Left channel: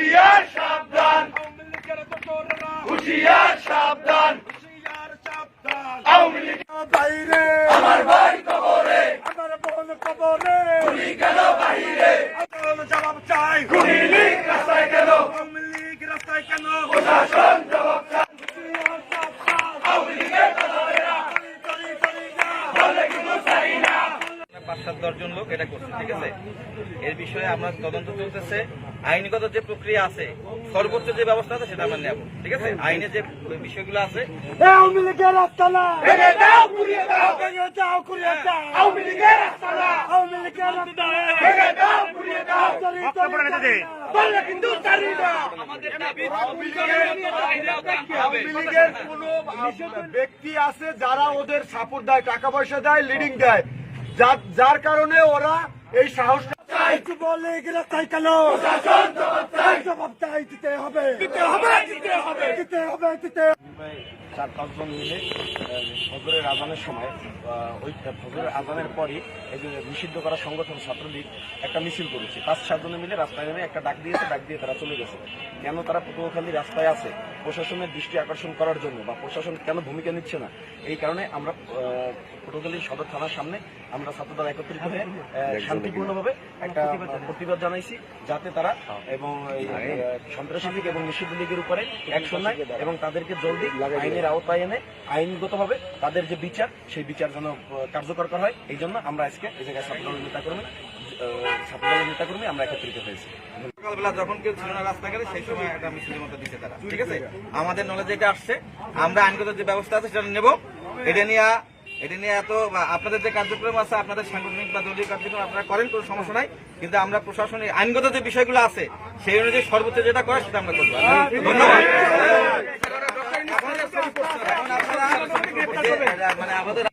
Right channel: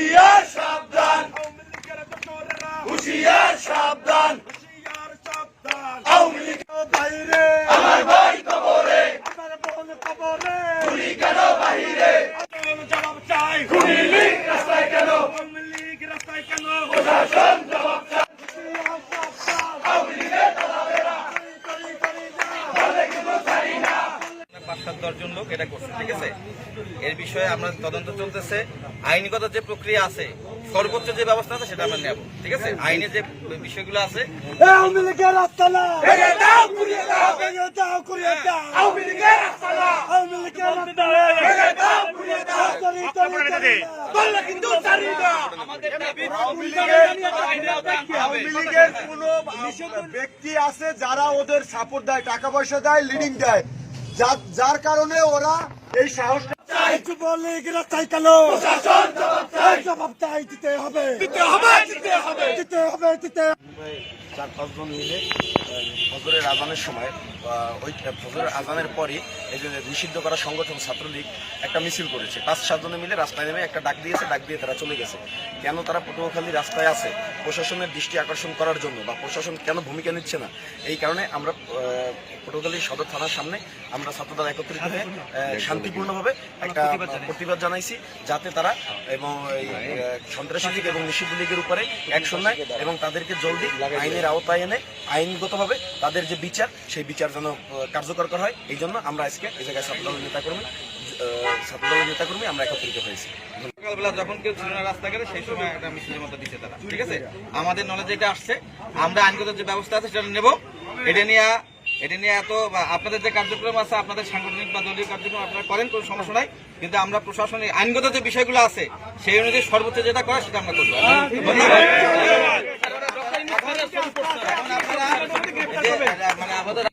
হুশিয়ার সাবধান। হুশিয়ার সাবধান। আমার ভাই কবরে। কবরে গুলি কেন বাহিরে? জবাব চাই। লীগ রাস্তায় কেন? লীগ রাস্তায় কেন? প্রশাসন জবাব চায় হুশিয়ার সাবধান আওয়ামী লীগের দালালেরা করি করি করি না বলে কিন্তু চাই না পাঁচ সাত দশজন লোক এটা করছে ঠিক আছে? এর বিষয়ে আমরা তদন্ত চলতেছে। আইনগত যে প্রক্রিয়া আছে সর্বোচ্চ যে ব্যবস্থা আছে সেটা আমরা নেব ঠিক আছে? আইনে যে বিষয়গুলো আছে ব্যক্তি আছে যারা ওদের সাপোর্ট দেয় টাকা পয়সা দেয় লিডিং দেয়। যার যার কারণে ওরা এই সাহসটা জবাব চাই। দিতে হবে। দিতে হবে দিতে হবে। দিতে হবে দিতে চার পাঁচজন মিলে ফজরের আজানের সময় ওই ফজরের আজানের পরই এই যে নিষিদ্ধ করা সংগঠন ছাত্রলীগ একটা মিছিল করেছে। পাঁচ সাতজনে মিলে রাস্তায় নেমে একটা ডাক দিয়েছে ডাক দিয়ে তারা চলে গেছে। কেন তারা পটুয়াখালী রাস্তায় আছে? প্রশাসনের দৃষ্টি আকর্ষণ করার জন্য বা প্রশাসন কেন ভূমিকা নিচ্ছে না? এই কারণে আমরা পটুয়াখালী সদর থানার সামনে আমরা ছাত্রদল একত্রিত হয়ে শান্তিপূর্ণভাবে একটা প্রতিবাদ জানাইছি। যাতে তারা এবং এই সন্ত্রাসী লীগ এবং নিষিদ্ধ লীগের উপরে অ্যাকশন নেয় এবং তাদেরকে জলদি আইনের আওতায় এনে আইনগতভাবে তাদের যে বিচার, সেই বিচার যেন কার্যকর করা হয়, এই জন্য আমরা আজকে এই জায়গায় ছাত্রদলের নেতাকর্মী ছাত্রদলের নেতাকর্মী আমরা একত্রিত হয়েছি। সকালবেলা দিচ্ছে আমাদের আসছে, আমরা আইনগত যে ব্যবস্থা আছে সেটা নেব। আপনাদের যে কার্যক্রম আছে, আপনাদের সাংগঠনিক বা কার্যক্রম আপনারা করেন, কোনো সমস্যা নাই। কিন্তু আমরা আইনগত যে বিষয়গুলো আছে, সেই অনুযায়ী সর্বোচ্চ যেটা করা সেটা আমরা করব। ধন্যবাদ। এখন আপনারা মানে আমাদের